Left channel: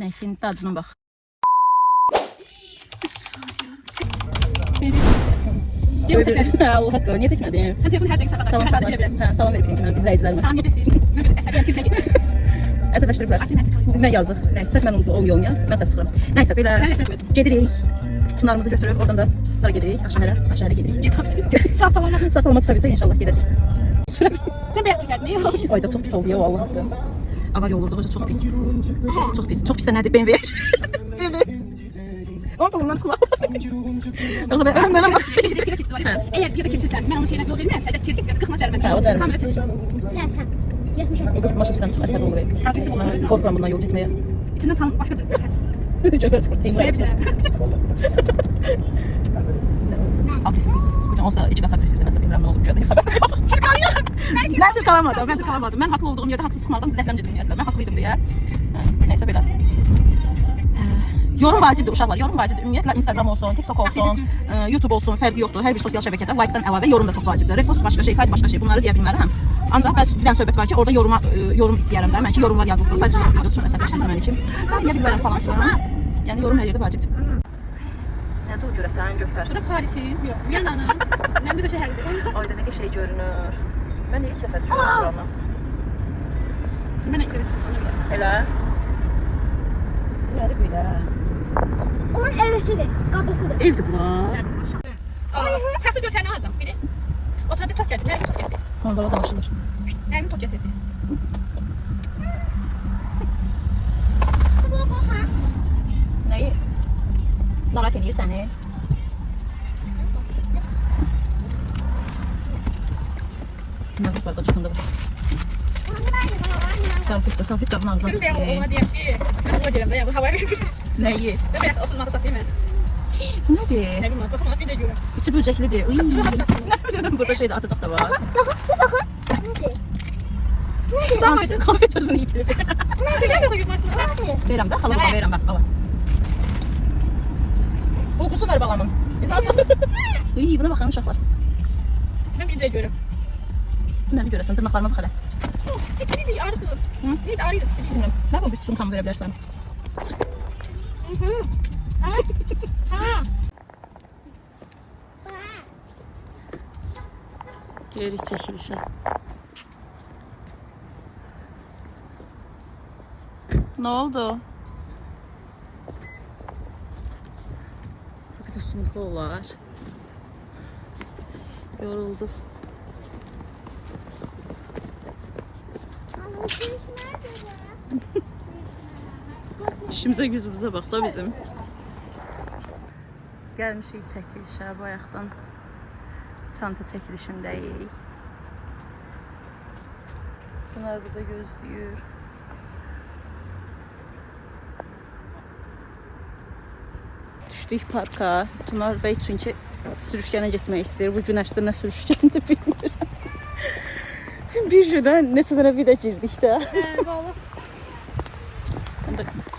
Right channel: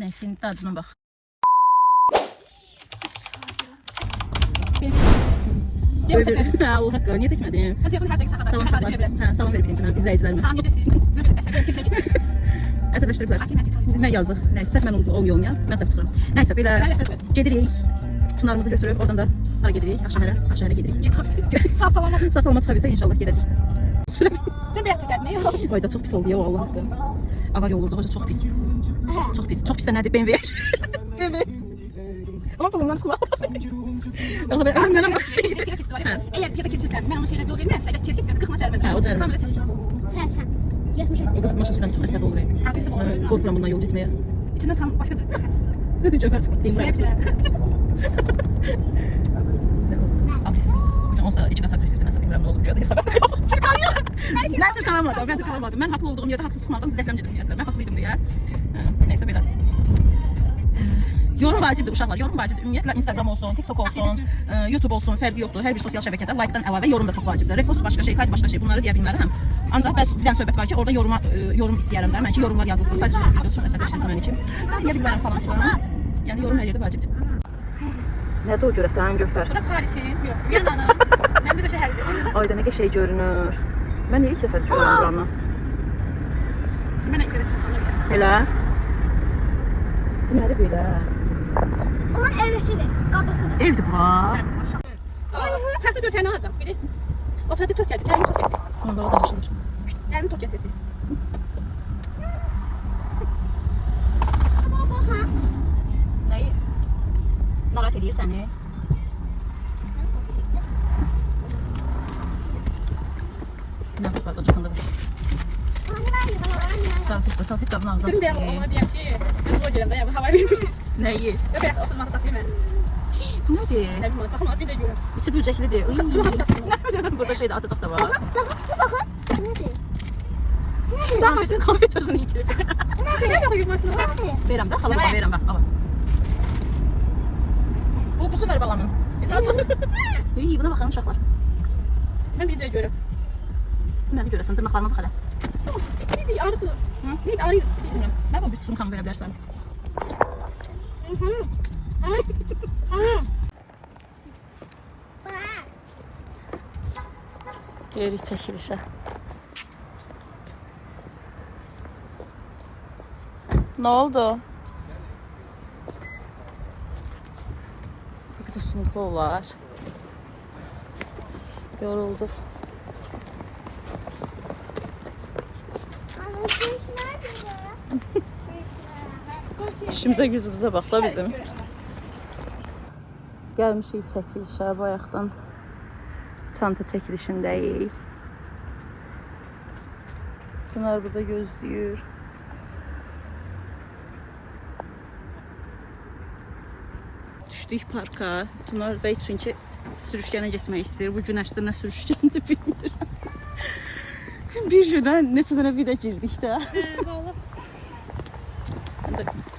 Neyse, dadına bax. Allah haqqı, niyə çəkmədim? Sen telefonu her dakika kapat. Salam uşaqlar. Salam verin izləyicilərimə. Tamam yetesin. Əsəbləşdiriblər. Nə yazıq. Nəysə mən o yoluna mən səhv çıxıram. Nəysə belə gedirik. Tunlarımızı götürüb oradan da hara gedirik? Aşağıya gedirik. Sağ salama. Sağ salama çıxa bilsə inşallah gedəcək. Sen beyaz çekerdin değil mi? Ayda çox pis oldu ya vallahi. Avar olurdu hoca çox pis. Çox pis. Çox pis də nədir? BMW. Ama bundan çıxma. Yoksa ben ölüm. Eğer bir de kesilsen, ben onun şeyine yol vermem. Sadece tez kesiyorum, kırmızı vermem. Ha, o da Kamera tez. Sen. 70 lira. Kız maşa süren tüm eser olur. Hafifsi bu. Korkuyorum bundan yol gitmeye. İçinden tam başka bir şey. Çok artık. Hepsi. Agresif kız. Hocam olsa iki kat agresifti. Nasıl bilmiyorum ne olur. Ben Türk alamadım. Ben haklı olduğum yerde haksız çıkmadan zəhləm gedim yerdilər. Ben haklıydım diye. Neyse belə. Yorum vacibdir uşaqlar. Yorum vacibdir. Ümumiyyətlə Instagram olsun, TikTok olsun, YouTube olsun, fərqi yoxdur. Hər bir sosial şəbəkədə like-dan əlavə yorum da çox vacibdir. Repost başqa şey, kayıt başqa şey. Bunları deyə bilmərəm. Ancaq bəs bir dənə söhbət var ki, orada yorum istəyərəm də. Mən ki, yorumlar yazılsın. Sadəcə yorum yazılsın. Çox əsəbləşdirmə məni ki. Deyə bilmərəm falan filan. Yəni yorum hər yerdə vacibdir. Nədir o görəsən Gövhər? Bura Parisin, yox, Viyananın, Nəmruzə şəhəridir. Ayda nə qəşəng görünür. Mən ilk dəfə görürəm buranı. Mən ilk dəfə çıxdım. Elə? Nədir belə? Onun evisidir, kapısıdır. Evdir bura. Həftə görsəyini alacam, biri. Oturacaq top gələcək, əvim top gələcək. Orada o danışılır. Əvim top gələcək. Nəyi? Narahat edir səni. Nə bir barda çıxında bu. Salfet qabın ağzına Dedim çıxır. ona deyəm ki, sən ona gələm də, yəni hava verirsən. Nəyi? Ya bayaq oturmağı saxlayım mən. Bu nədir? Nə bilməm, baxma, bir də görüm. İçi böcəklidir. Iy. Burada şey də açacaq da var. Konfet özünü itirib. Nə yox yılmasını? Verirəm də, xalı burada verirəm bax, ala. Bulqusu ver balamın. Biz açalım. İy, buna baxın uşaqlar. Mən bir də görüm. Nədir görəsən, dırnaqlarıma bax hələ. Neydi, ağrıdı. Neydi, ağrıdı. Bilmirəm, mən bu bir sumkamı verə bilərsən. Geri çəkilişə. Nə oldu? Bir də sumka olar. Yoruldum. İşimizə gücümüzə bax da bizim. Gəlmişik çəkilişə, bayaqdan çanta çəkilişindəyik. Bunlar burada gözləyir. Düşdük parka. Bunlar bəy çünki sürüşkənə getmək istəyir. Bu günəşdə nə sürüşkəndir bilmirəm. Bir günə neçə dənə vida girdik də.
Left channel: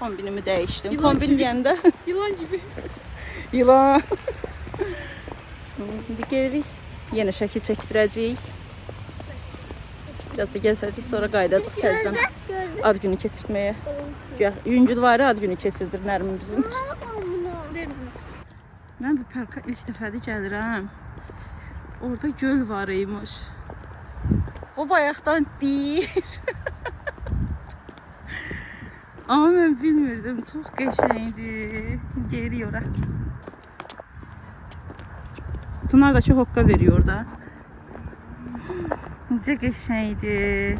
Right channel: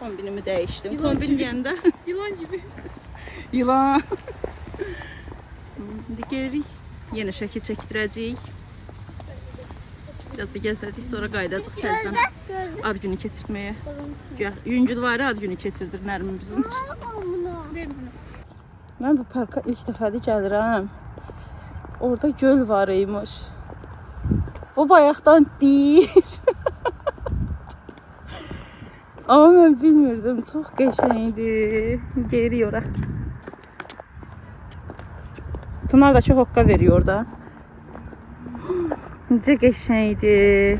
Kombinimi dəyişdim. Kombin deyəndə Yılan gibi. yılan. İndi gelirik. Yenə şəkil çəkdirəcəyik. Biraz da gəzəcəyik, sonra qayıdacaq təzədən ad günü keçirməyə. Yüngülvari ad günü keçirdir Nərmin bizim. Mən bu parka ilk dəfədir gəlirəm. Orada göl var imiş. Bu bayaqdan deyir. Ama mən bilmirdim. Çox qəşəngdir. Geri ora. Tunar da çox hoqqa veriyor da. Necə qəşəngdir.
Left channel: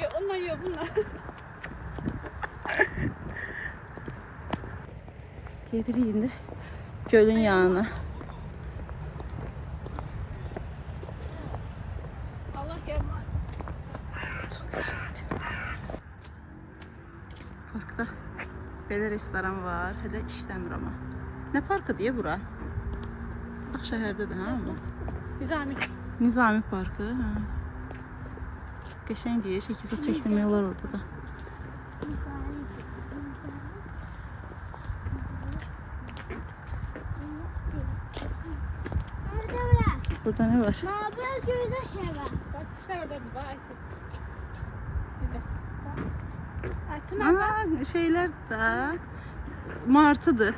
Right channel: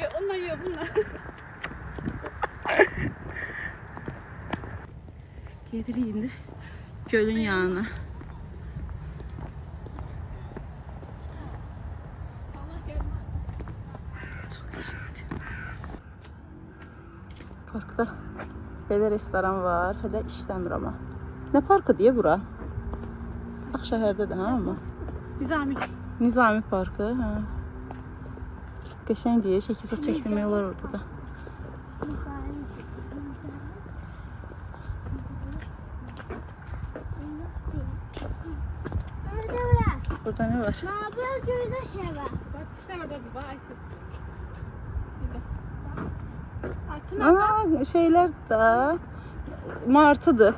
Ya onunla yok, bununla. Gedirik indi gölün yanına. Allah gelme. Çox qəşəngdir. Parkda belə restoran var. Hələ işləmir amma. Nə parkı deyə bura? Ağşəhərdədir ha amma. Nizami. Nizami Parkı. Hə. Qəşəng deyə şəkil çəkdirmək olar orada da. Burada ne var? Mavi gözü şey var. Vay. Ay, Tuna. Şeyler de martıdır.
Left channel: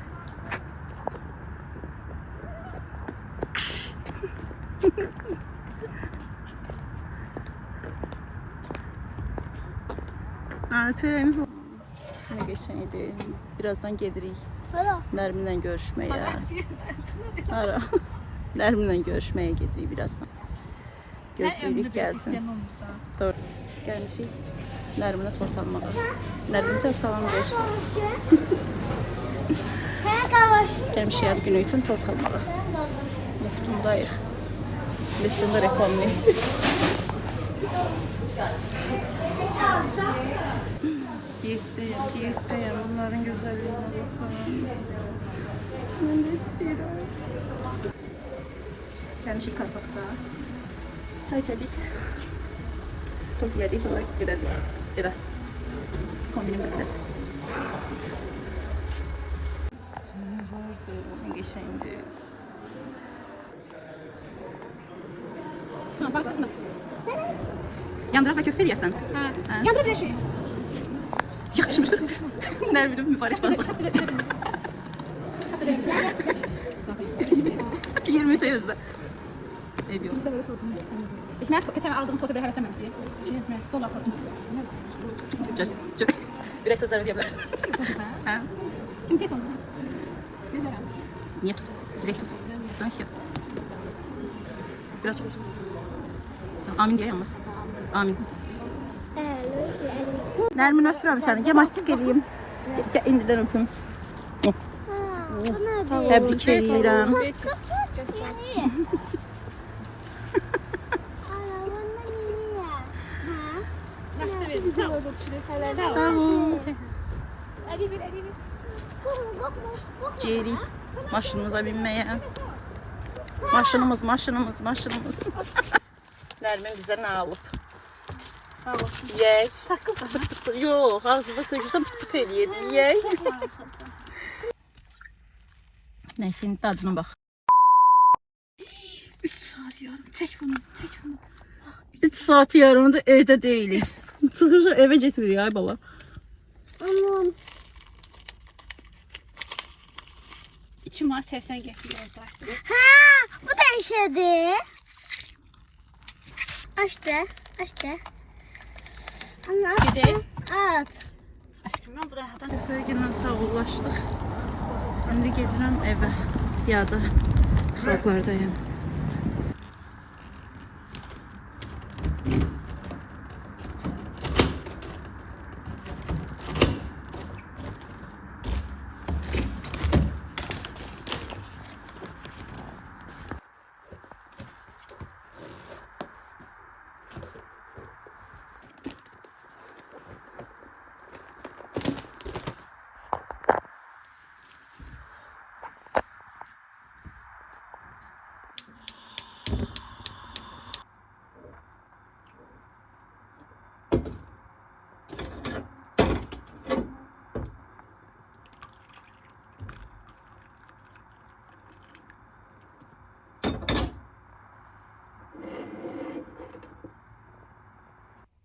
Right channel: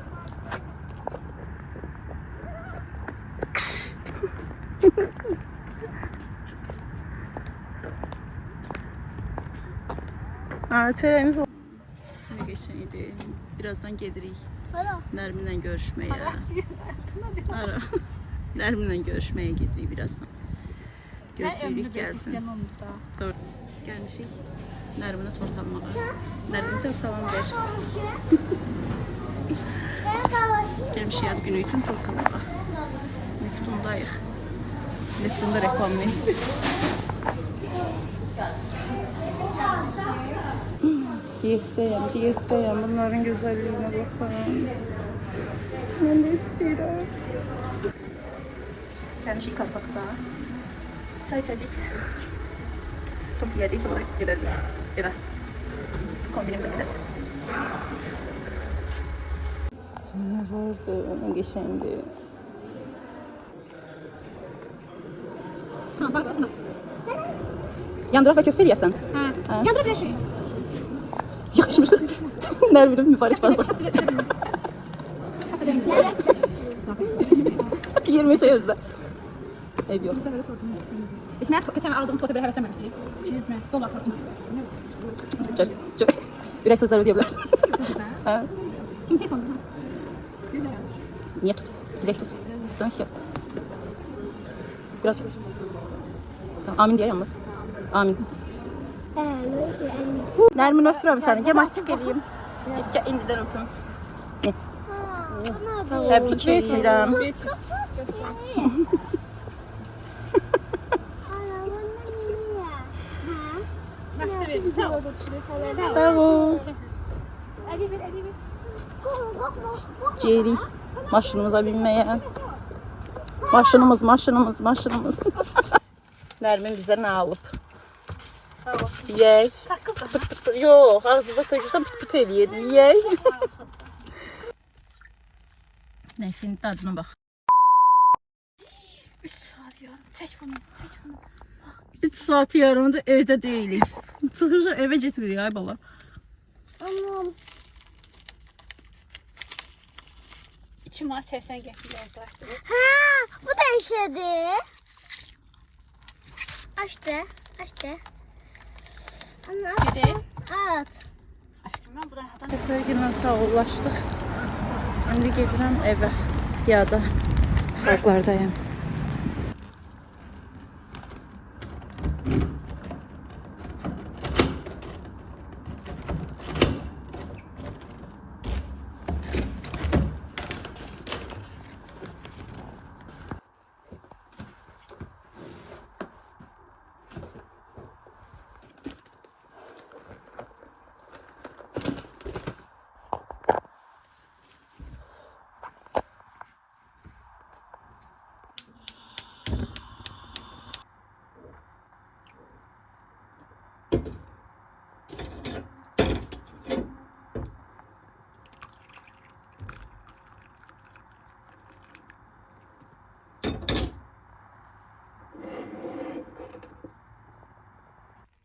Çörəyimiz ne geçeydi. Birazdan gedirik Hala. Nərminlə görüşməyə. Ara. Nərminlə görüşməyə gedirik birazdan. Gözləyirik gəlsin. Doğru. Gəlmişik Nərminə tort almağa. Nərminə salam ver. Sen kavaş. Gəlmişik ad günü üçün tort almağa. Neptundayıq. Neptunda reklamlı. Diyetteyim. Bunların güzelliğine bakalım. Ben de istiyorum. Gelmişik kalpaksa. Çay içecek. Tort yiyecek sonra gidecek. Eve. Kombinimde gidelim. Ne vardı? Ne geçendi? Yandırak ve köfte yesen. Ha. Yanında bir şey. Yakışmış. Nerede mübarek fazla. 20 çay yazdı. Ne diyor? Ich merke, dass er aldığım totu bir heveslememişti. Dolar tortum. Ters. Direkt sözler ödeyebiliriz. Ha? Şimdi tek oldu. Нет. Direkt. Ben şey. Biraz. Amin diye yalnız. Amin. Nermin öpürüm seni. Gel maç çıkarayım. Gel indiden öpüm. Tebrik ederim. Sağ ol. Gelirik maşınımıza binmeye. Maşınımız. Nermin bize ne alıp? Sağ ol. Yey. Yok, ağzında tökürsən pıt eləyir. Yey. Neyse, indi tadına bax. 3 saat yarım. Çək bunu. 3 saat yarımdır evdə deyilik. Çıxırsa evə getmirik ay bala. Anam. 2 manat 80 getiriyor. Ha, bu da işedi. Açtı. Anne Bir de. aç. Aşkım ben buradan. Səfərgillə sağollaşdıq. İndi gedirəm evə. Piyada xalqlardayım.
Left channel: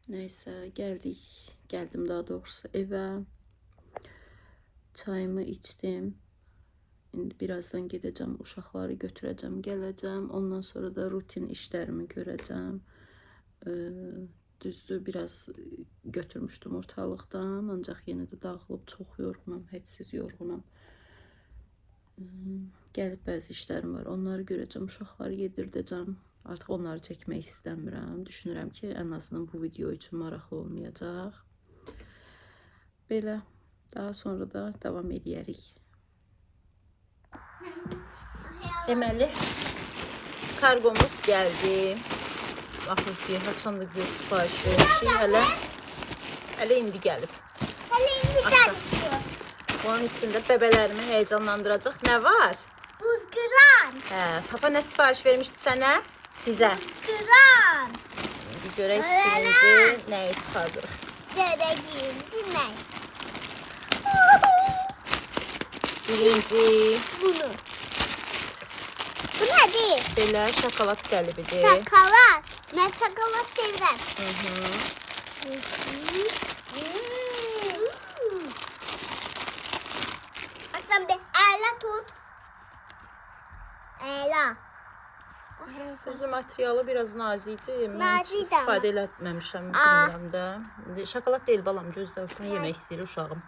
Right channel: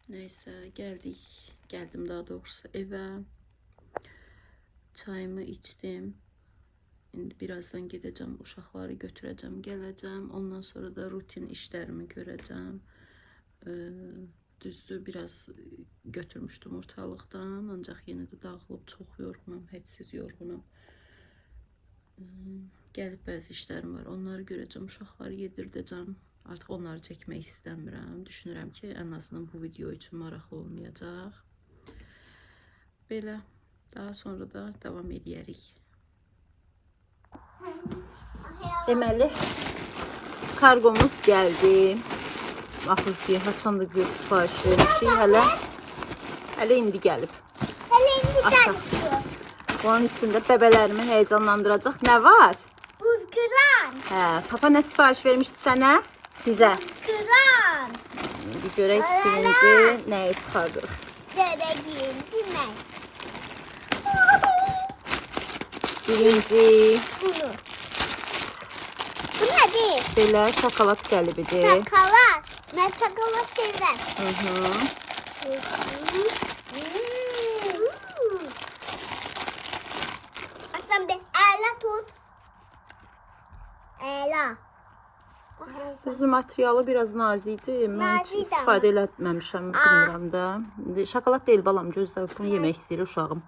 Neyse geldim daha doğrusu eve. Çayımı içtim. Şimdi birazdan gideceğim, uşaqları götüreceğim, geleceğim. Ondan sonra da rutin işlerimi göreceğim. Düzdür biraz götürmüştüm ortalıktan. Ancak yine de dağılıp çok yorgunum, hədsiz yorgunum. Gelip bazı işlerim var, onları göreceğim, uşaqları yedirdəcəm. Artıq onları çəkmək istəmirəm. Düşünürəm ki, ən azından bu video üçün maraqlı olmayacaq. Belə, daha sonra da davam edərik. Deməli, kargomuz gəldi. Baxın ki, haçanda bir sipariş vermişik. Hələ indi gəlib. Bunun içində bəbələrimi heyecanlandıracaq nə var? Buzkıran. Papa nə sipariş vermişdi sənə? Sizə. Buzkıran. Bir görək birinci nəyə çıxardır? Bebeğim demek. Birinci Bunu. Bu nedir? belə şokolad qəlibidir. Sakalat. Ben şokolat severim. Aslan bir Ela tut. Ela. Üzlü materialı biraz nazikdir. Mən heç Nazik istifadə eləməmişəm, bilmirəm də. Şokolad deyil balam, gözlə öpünü yemək istəyir uşağım.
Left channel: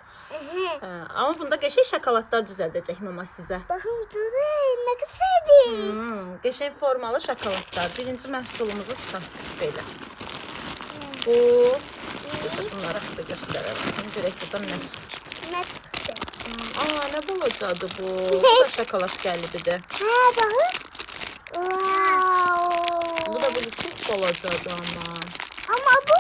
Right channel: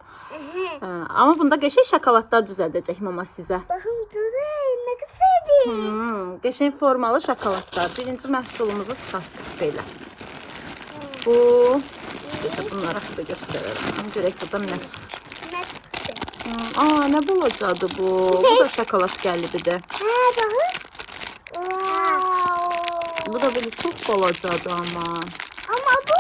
Amma bunda qəşəng şokoladlar düzəldəcək mama sizə. Bakın durun ne güzeldi. Qəşəng formalı şokoladlar. Birinci məhsulumuzu çıxartdıq belə. Bu, bunları da göstərək. Görək burada nə çıxır. Ne çıktı? Nə bulacadı bu? Bu da şokolad qəlbidir. Ha bakın. Wow. Bu da böyle çok balacadı ama. Ama bu.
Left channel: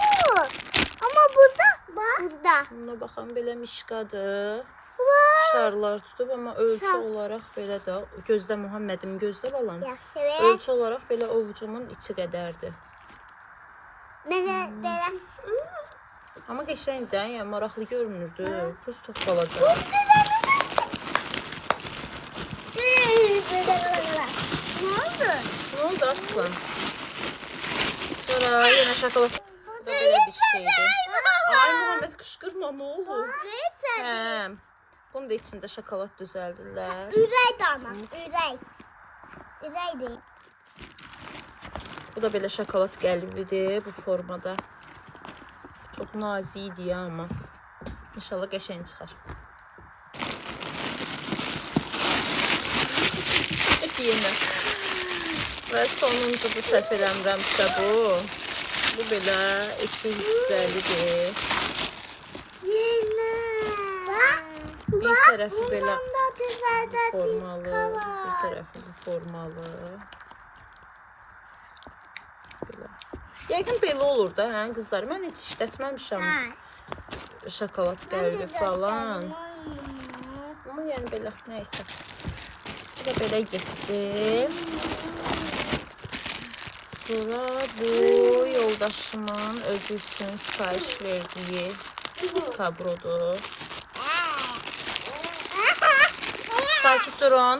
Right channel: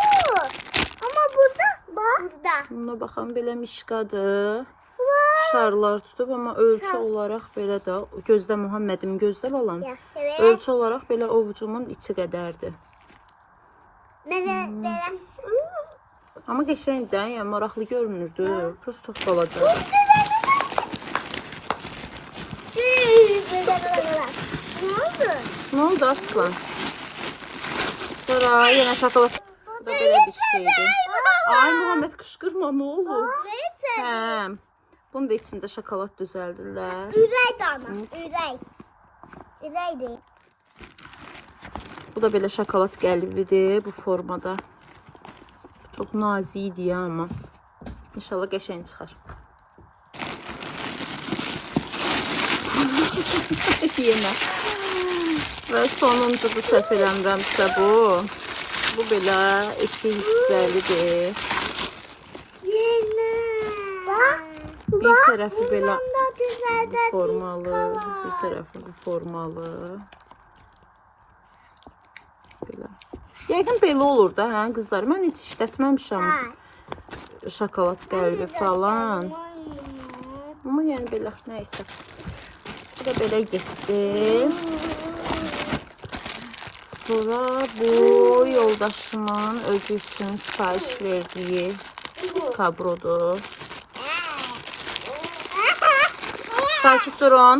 Ama burada. Bak. Burada. Buna baxan belə mişqadır. Wow. Şarlar tutub amma ölçü olaraq belə də gözlə Muhammedim gözlə balam. Ya severim. Ölçü olaraq belə ovucumun içi qədərdir. Böyle. Amma qəşəngdir, yəni maraqlı görünürdü. Prosta çox balaca. Ne oldu? Nə oldu aslan? Sonra yenə şokolad. Bu da belə bir şeydir. Ay Muhammed qışqırma, nə oldu? Neyse. Hə. Bunun da içində şokolad düzəldirlər. Ürey de ama. Ürey. Ürey değil. Bu da belə şokolad qəlbidir bu formada. Çox nazikdir ya amma. İnşallah qəşəng çıxar. Yenə. Və sonuncu bu səhv eləmirəmsə bu. Bu belə 250-dir. Yine. Bak. Bir tərəfi belə Bunda güzel formalı, diska bir var. tərəfi bu formalı. Belə. Yəqin belə olur da, hə qızlar. Mən heç işlətməmişəm şokolad qəlbi falan. Amma yəni belə, nəysə. Bu da belə getdi. Sonra bu yoldaşımın özü üçün sipariş verdiyi kabrodur. Sakit durun.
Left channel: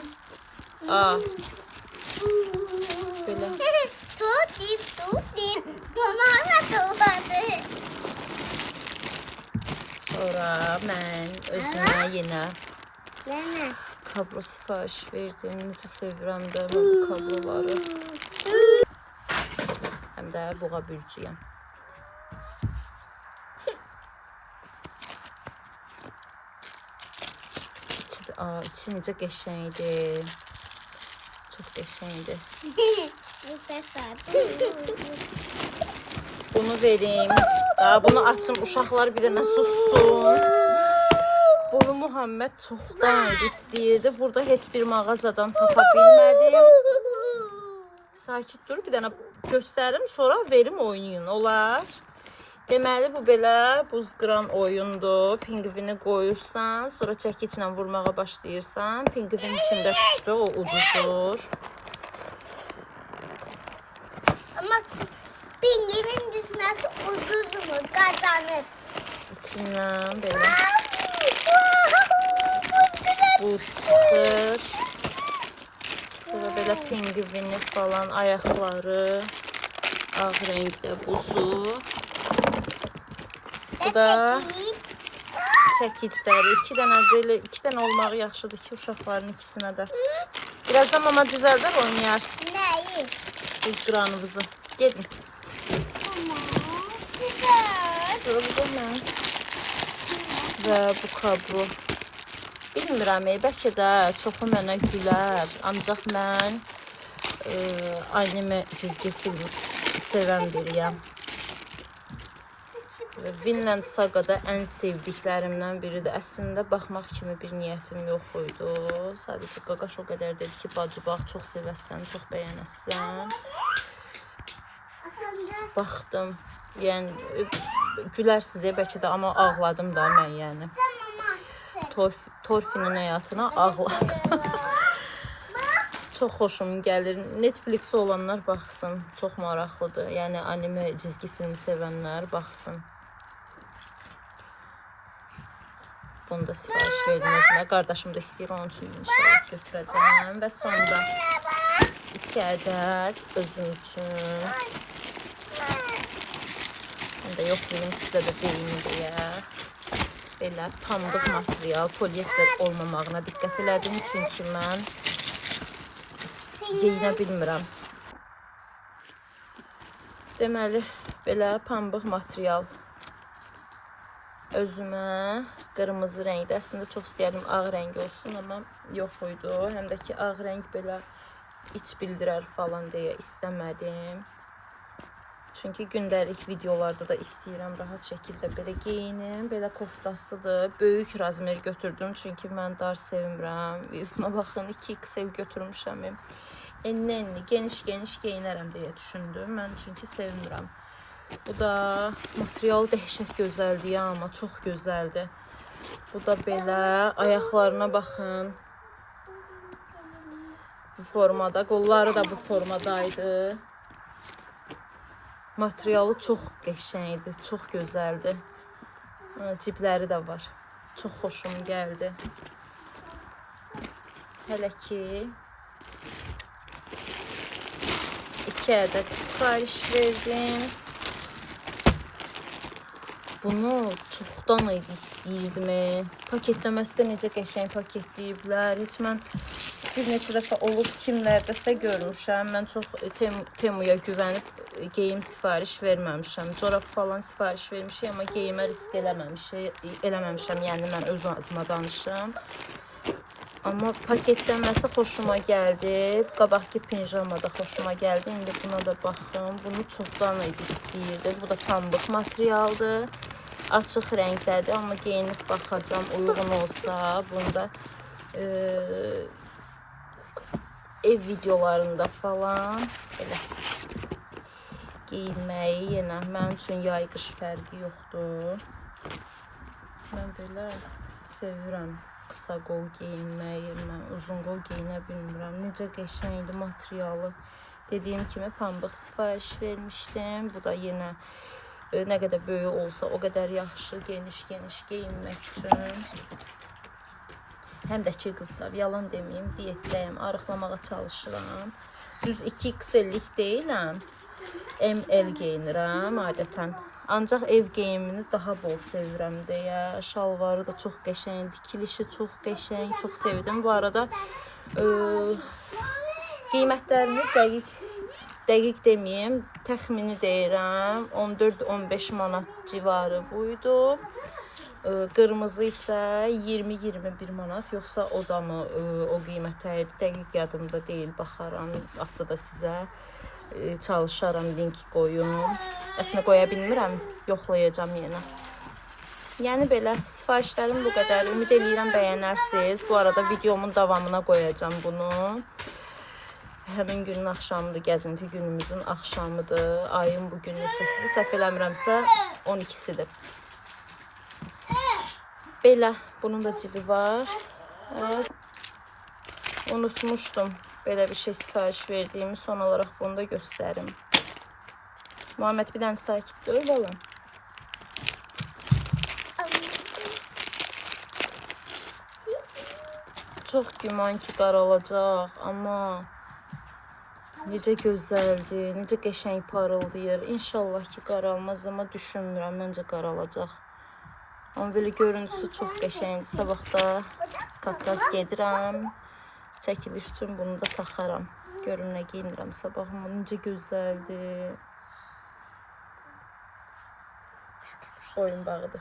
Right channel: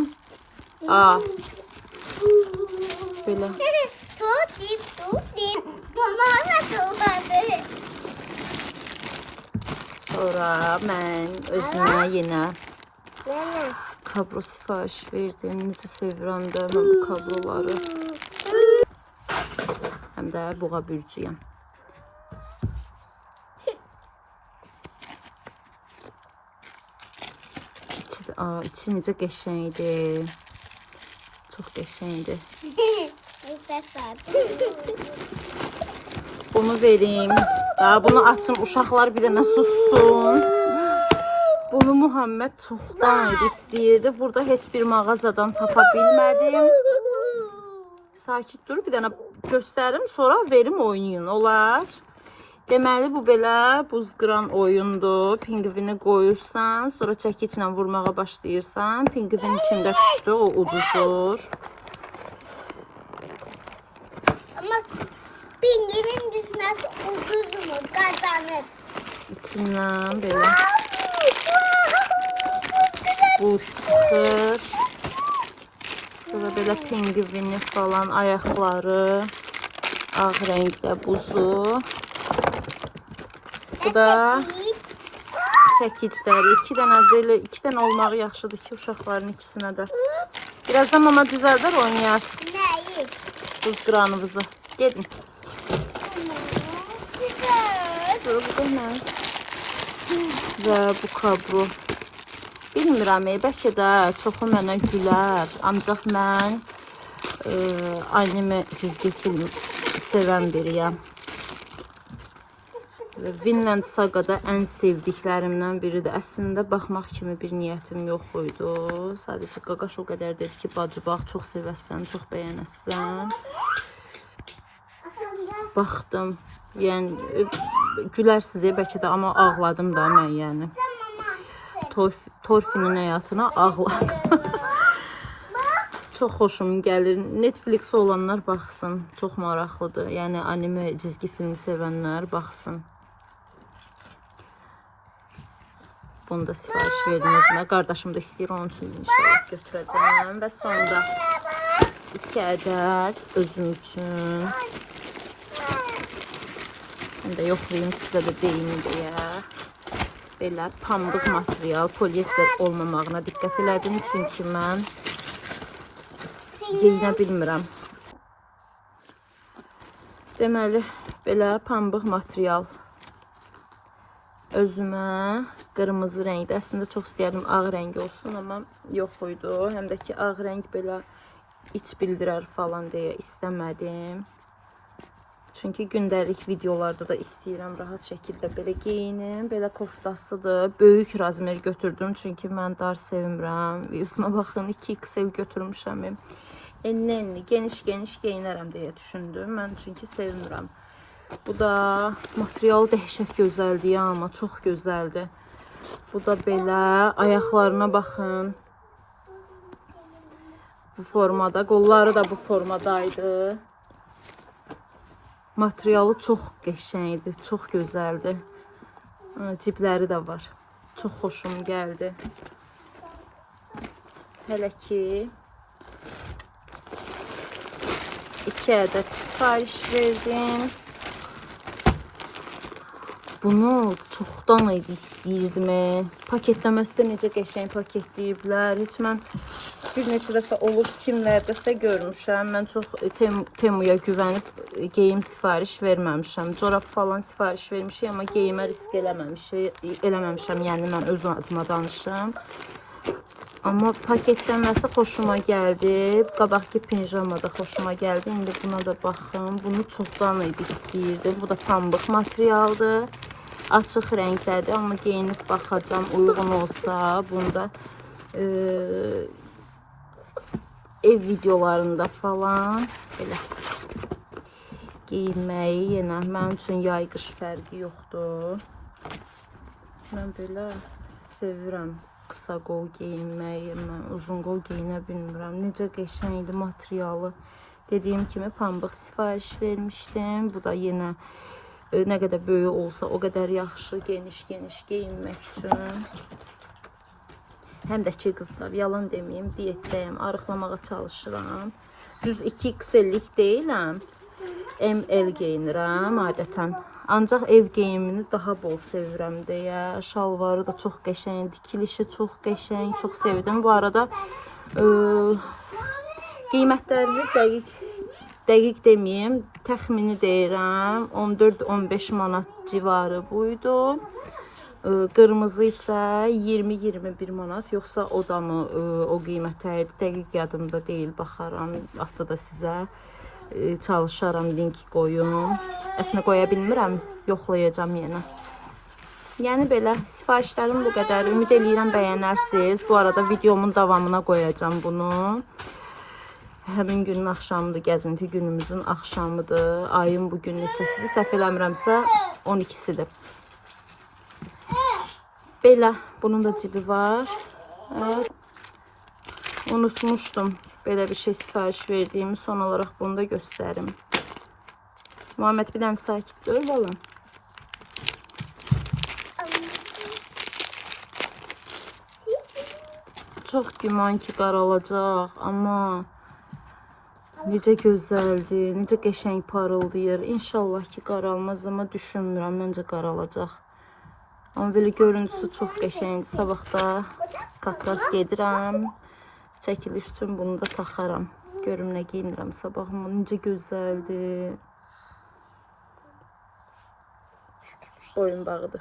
Belə. Tutayım. Bana tuğladı. Sonra mən özümə yenə Nene. kablo sipariş verdim. Necə sevirəm də mən bu kabloları. Həm də buğa bürcüyəm. İçi necə qəşəngdir. Çox qəşəngdir. Bunu verim. Bunu açım, uşaqlar bir dənə sussun. Bunu Muhammed çoxdan istəyirdi. Burada heç bir mağazadan tapa bilmədim. Sakit dur, bir dənə göstərim, sonra verim oynayın, olar. Deməli, bu belə buz qıran oyundur. Pingvini qoyursan, sonra çəkiçlə vurmağa başlayırsan. Pingvin içində düşdü, o uduzur. Ama pingvinin düşmesi uzun mu kazanır? İçindən belə buz çıxır. Sonra belə pingvini falan, ayaqları, ağ rəngdə buzu. Bu da çəkicləri. İki dənə olmağı yaxşıdır ki, uşaqların ikisinə də. Birazdan mama düzəldər, oynayarsınız. Neyi? Buz qıranınızı. Gedin. Güzel. Və bu kablo. Bilmirəm, bəlkə də çoxu mənə gülər. Ancaq mən anime çizgi film sevən biriyəm. Vinland Saga'da ən sevdiklərimdən biridir. Əslində baxmaq kimi bir niyyətim yox idi. Sadəcə Qaqaş o qədər dedi ki, bacı bax, çox sevəsən, çox bəyənəsən. Baxdım. Yəni gülərsiniz bəlkə də, amma ağladım da mən yəni. Torfinin həyatına ağladım. Çox xoşum gəlir. Netflix olanlar baxsın. Çox maraqlıdır. Yəni anime çizgi filmi sevənlər baxsın. Bunu da sipariş verdinizmə. Qardaşım da istəyir, onun üçün götürəcəm. Və sonra 2 ədəd özüm üçün Şimdi yoxlayayım sizə də deyim deyə. Belə pambıq material, polyester olmamağına diqqət elədim. Çünki mən geyinə bilmirəm. Deməli, belə pambıq material. Özümə qırmızı rəngdə, əslində çox istəyərdim ağ rəng olsun, amma yox idi. Həm də ki, ağ rəng belə iç bildirər falan deyə istəmədim. Çünki gündəlik videolarda da istəyirəm rahat şəkildə belə geyinim. Belə koftasıdır. Böyük razmer götürdüm çünki mən dar sevmirəm. Buna baxın 2XL götürmüşəm. Enli, geniş geyinərəm deyə düşündüm. Mən çünki sevmirəm. Bu da material dəhşət gözəldir ya, amma çox gözəldir. Bu da belə ayaqlarına baxın. Bu formada, qolları da bu formadaydı. Materialı çox qəşəngdir, çox gözəldir. Cibləri də var. Çox xoşuma gəldi. Hələ ki 2 ədəd sifariş verdim. Bunu çoxdan idi istəyirdim. Paketləməsi də necə qəşəng paketləyiblər. Heç mən bir neçə dəfə olub kimlərdəsə görmüşəm. Mən çox Temuya güvənib geyim sifariş verməmişəm. Corab falan sifariş vermişəm, amma geyimə risk eləməmişəm. Yəni mən öz adıma danışım. Amma paketləməsi xoşuma gəldi. Qabaqki pinjama da xoşuma gəldi. İndi buna da baxın. Bunu çoxdan idi istəyirdim. Bu da pambıq materialdır. Açıq rəngdədir, amma geyinib baxacam uyğun olsa. Bunda ev videolarında falan belə geyinməyi yenə mənim üçün yay-qış fərqi yoxdur. Mən belə sevirəm qısa qol geyinməyi, mən uzun qol geyinə bilmirəm. Necə qəşəngdir materialı. Dediyim kimi pambıq sifariş vermişdim. Bu da yenə nə qədər böyük olsa o qədər yaxşı, geniş geyinmək üçün. Həm də ki qızlar, yalan deməyim, diyetdəyim, arıqlamağa çalışıram. Düz 2XL-lik deyiləm. ML geyinirəm adətən. Ancaq ev geyimini daha bol sevirəm deyə. Şalvarı da çox qəşəng, dikilişi çox qəşəng, çox sevdim. Bu arada qiymətlərini dəqiq deməyim, təxmini deyirəm. 14-15 manat civarı buydu. Qırmızı isə 20-21 manat, yoxsa o da mı o qiymətə idi? Dəqiq yadımda deyil, baxaram. Vaxtda da sizə çalışaram, link qoyun. Əslində qoya bilmirəm, yoxlayacağam yenə. Yəni belə sifarişlərim bu qədər. Ümid edirəm bəyənərsiniz. Bu arada videomun davamına qoyacağam bunu. Həmin günün axşamıdır, gəzinti günümüzün axşamıdır. Ayın bugün neçəsidir? Səhv eləmirəmsə 12-sidir. Belə, bunun da cibi var. Unutmuşdum belə bir şey sifariş verdiğimi, son olarak bunu da gösterim. Muhammed bir dənə sakit dur oğlum. Çox güman ki qaralacaq, amma necə gözəldir, necə qəşəng parıldayır. İnşallah ki qaralmaz, amma düşünmürəm, məncə qaralacaq. Amma belə görüntüsü çox qəşəngdir. Sabah da Qafqaz gedirəm. Çəkiliş üçün bunu da taxaram. Görüm nə geyinirəm sabah. Necə gözəldir. Oyun bağıdır.